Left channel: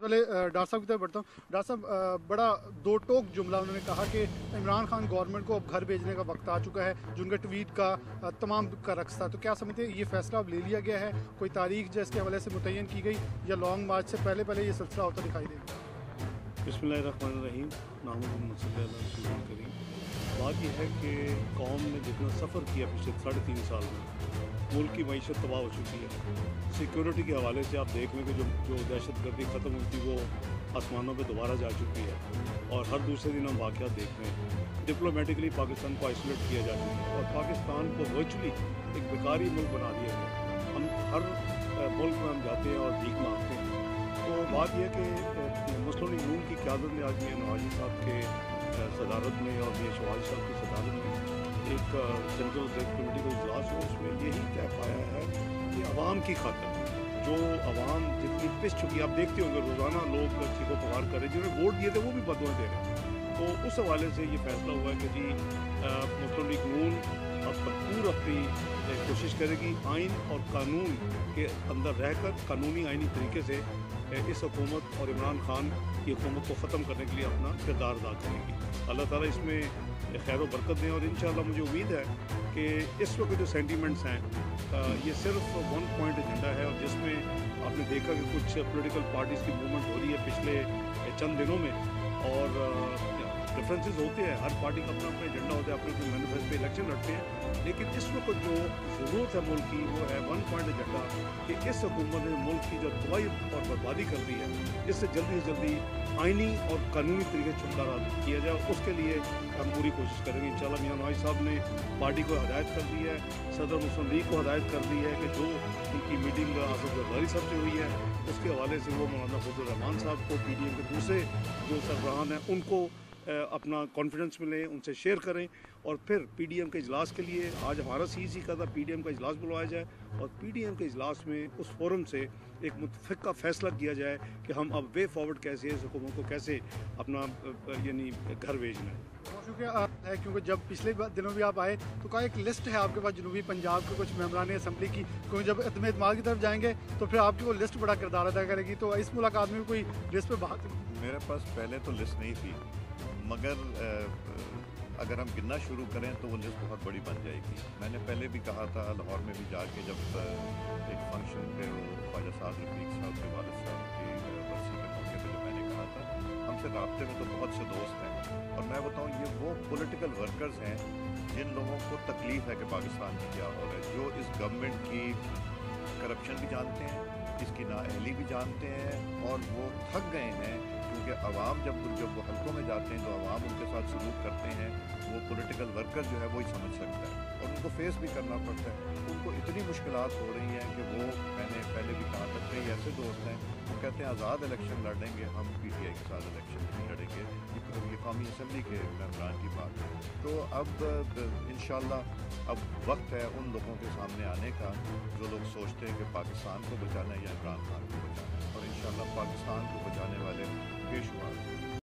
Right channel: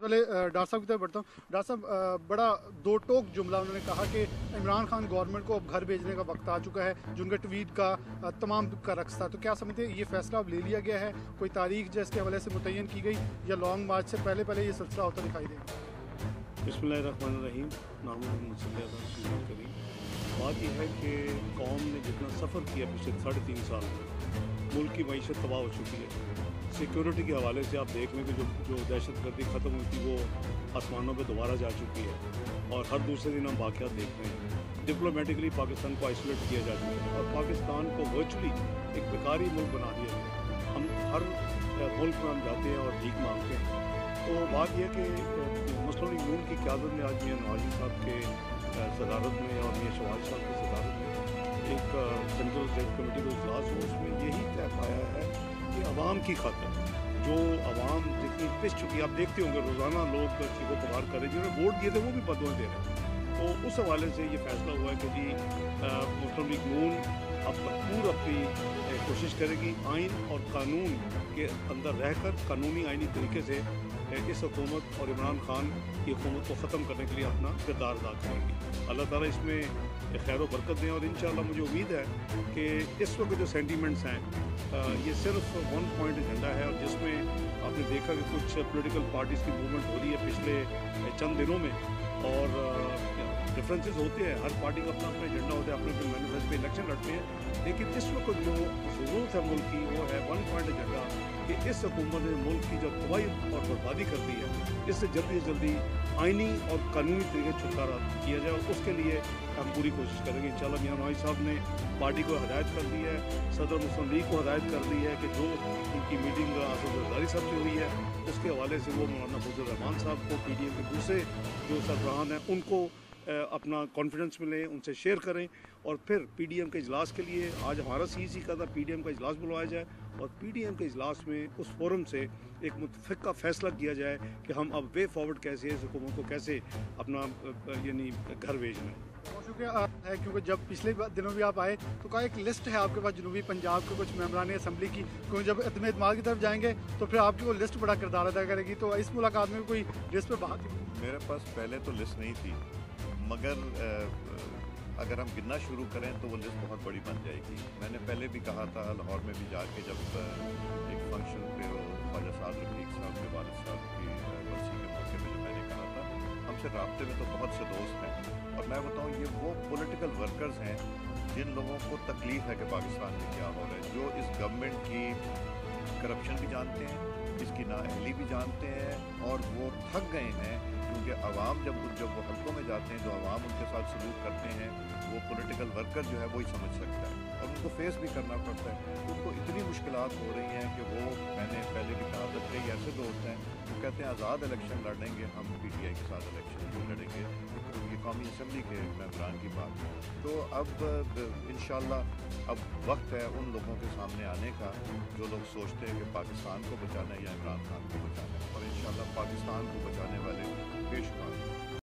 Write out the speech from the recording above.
पहले डॉक्टर साहब की तरफ बढ़ता हूँ। डॉक्टर साहब, बड़ा दो टोक जुमला उन्होंने कहा कि इमरान खान गवर्नमेंट को अब घर भेजने का वक्त आ चुका है, जो उनका ट्वीट का तमाम का रक्स था। तो क्या समझते हैं ये फैसला अब ले लिया गया है, कोई तारीख जिसके हवाले से मुतय्यन की गई, या लॉन्ग मार्च से पहले पहले ये सिलसिला होता दिखाई देगा? बिस्मिल्लाहिर्रहमानिर्रहीम, नामुल करीम। बात यह है कि कौम ने जितना सफ़र किया पिछले 3.5 साल में, मुल्क की मईशत तबाह हो चुकी है। सिक्योरिटी के हवाले से आप देख लें कि जो दहशत गर्दी ख़त्म हुई थी वो आसमानों पे दोबारा जा चुकी है, और हर दूसरे दिन हम वाक़यात देख रहे हैं। डिप्लोमेटिकली पाकिस्तान को आइसोलेट किया जा चुका है, और पाकिस्तान को वर्चुअली एक बेकारी मुल्क बना दिया गया। हम हर मुल्क में हम जाते हैं और भीख मांगते हैं। तो बात यह कि मुस्लिम लीग नून की क़यादत ने आज मियां नवाज़ी साहब के सदारत में और मियां शहबाज साहब की सदारत में एक सेंट्रल एक्जेक्टिव कमेटी को इजलास हुआ, उसमें यही तय पाया है कि आवाम की खातिर, जो आवाम जितनी पिस चुकी है, आप देखते होंगे रोज़ाना लोग चीखों पुकार कर रहे हैं, जिन्होंने वोट दिए थे वो भी बददुआएं दे रहे हैं। तो उस हवाले से ये फैसला हुआ है कि जी मुस्लिम लीग नून अब भरपूर अपनी कोशिश करेगी, आइन और कानून के अंदर रहकर कानूनी आइनी तरीके से इस हुकूमत और इमरान खान की हुकूमत को ख़त्म करने के लिए अपना किरदार अदा करेंगी। अल्लाह ताला इसमें खैर बरकत दें, और इंशाअल्लाह मुझे उम्मीद है कि इस वक्त जो सेंटीमेंट्स हैं ये सिर्फ वन पॉइंट एजेंडा है, और जिसमें आपने देखा कि कुछ पॉलिटिकल पार्टीज़ की मूवमेंट हो रही है पिछले चंद दिनों में, और डिफरेंसेस होते हैं, हर पार्टी का अपना अपना एजेंडा होता है, अपने अपने मैनिफेस्टो पे इलेक्शन लड़ते हैं। लेकिन इस वक्त जो ज़रूरत है मुल्क की, वो है वन पॉइंट एजेंडा, कि इस हुकूमत ने मुल्क की जो तबाही और बर्बादी कर दी है, इससे जल्दी से जल्दी आइनी और कानूनी तरीके से छुटकारा किया जाए। उसके लिए हम पूरी कोशिश करेंगे इंशाअल्लाह। मियां नवाज़ साहब ने पार्टी को हदायत कर दी है, सदर मुस्लिम लीग को हदायत कर दी है कि जो उनकी मीटिंग आसिफ जरदारी साहब से हुई है, उसके हवाले से वो मौलाना फजल रहमान साहब को, PDM के दूसरे जो सरबराहान हैं, उनको अपना कॉन्फिडेंस में लें, उनसे शेयर करें, और फिर PDM के इजलास के लिए आज हमारा CEC का था, PDM का इजलास बुलवाया जाए, और PDM के इजलास में उस फोरम से एक मुतफ़िक़ा फ़ैसला किया जाए कि हम अब वे फॉरवर्ड कैसे इस हुकूमत को कैसे अपना यानी घर भेजना है। बहुत शुक्रिया है, क्योंकि जब पिछले दिनों भी आप आए तो कहा एक लिस्ट है आपके पास जनूबी पंजाब के कुछ मेम्बरान असम्बली की, क्योंकि जब इत्मीम इत्तेमाद की तरफ जाएंगे तो फिर आपकी वो लिस्ट बड़ा किरदार अदा करेगी। तो इस मुलाकात में कोई लिस्ट पे बात हुई? मेरे पास पहले तो लिस्ट नहीं थी, मगर अगर हम गिनना शुरू करें तो वो लिस्ट बहुत बड़ी बन जाएगी। मैंने पहले भी कहा था लाहौर में भी जाके, जब एक फंक्शन पे वो ख्वाजा साद रफीक साहब के वालिद साहब की बरसी के मौके पे जो मैंने कहा था, हमसे राब्ते में तो बहुत से दोस्त हैं, और मैं बताऊं ये वो पॉलिटिकल वर्कर्स हैं जिन लोगों को तकलीफ़ है कि पाकिस्तान में क्या हो रहा है, जो इस गवर्नमेंट की करप्शन भी जानते हैं, इसकी नाअहली भी जानते हैं, और वो थक गए हैं, क्योंकि अवाम जब वो हलकों में जाते हैं तो अवाम उनके साथ सलूक करते हैं, वो पॉलिटिकल वर्कर जो है वही समझ सकता है, और उनको फेस भी करना पड़ता है। उनको इतनी मुश्किलात हो रही हैं कि वो, मैंने पहले भी कहा था, कई ऐसे दोस्त हैं वो कहते हैं आज़ाद इलेक्शन लड़ेंगे, हम PTI के साथ इलेक्शन नहीं लड़ेंगे, ये कौमी असम्बली के मेम्बरान की बात है। तो अब इंशाअल्लाह अब वक्त है उन लोगों के सामने आने का जो लोग सोचते हैं कि पाकिस्तान को बचाना है या इमरान खान को बचाना है, और इंशाअल्लाह पाकिस्तान को बचाने वाले बेशुमार